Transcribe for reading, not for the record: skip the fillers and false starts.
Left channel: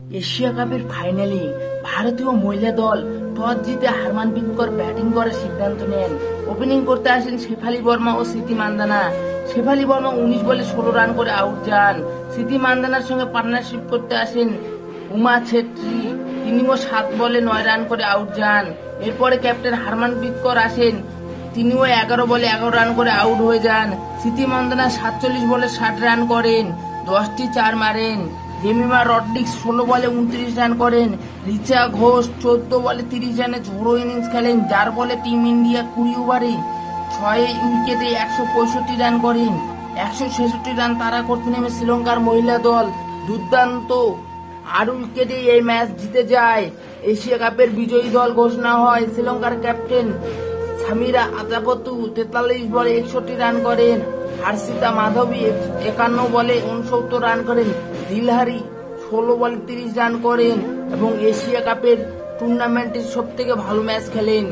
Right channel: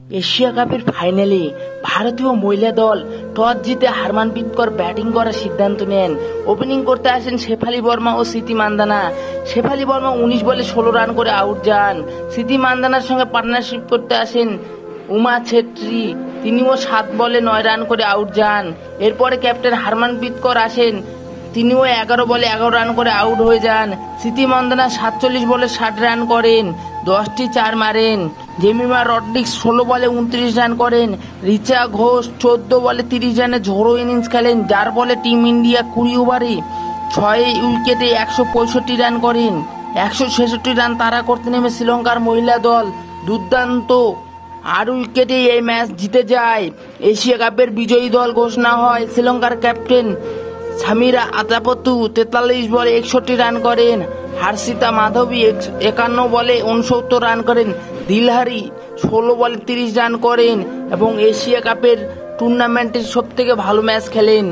Asia কাপের ফাইনালে ভারতীয় মহিলা দল টস জিতে হারমানপ্রীত কৌর ব্যাটিং করার সিদ্ধান্ত নেন। ওপেনিং করতে আসেন শেফালি বর্মা ও স্মৃতি মান্ধানা। শেফালি বর্মা 19 বলে 16 রান করে আউট যান। স্মৃতি মান্ধানার সঙ্গে পার্টনারশিপ করতে আসেন উমা ছেত্রী, তিনিও 7 বলে 9 রান করে আউট যান। এরপরে ক্যাপ্টেন হারমানপ্রীত কৌর আসেন, তিনিও 11 বলে 11 রান করে আউট হয়ে যান। স্মৃতি মান্ধানা 47 বলে 60 রান করেন, 10টি 4 মারেন। জেমিমা রডরিক্স 16 বলে 29 রান করেন। রিচা ঘোষ 14 বলে 30 রানে ঝোড়ো ইনিংস খেলেন, যার ফলে টিম ইন্ডিয়া 20 ওভারে 6 উইকেটে 165 রান করেন। 166 রান তাড়া করতে নেমে শ্রীলঙ্কার মহিলা দল দুর্দান্ত 8 উইকেটে এই ম্যাচ জিতে যায়। এশিয়া কাপের বিজয়ী দল ঘোষণা হয়। শ্রীলঙ্কার ক্যাপ্টেন সামিরা আতাপতু 43 বলে 61 রান করেন। হার্ষিতা মাধবী 51 বলে 69 রান করেন। দিলহারি 16 বলে 30 রান করেন এবং এশিয়া কাপের টুর্নামেন্টের সবথেকে ভালো ম্যাচ খেলেন।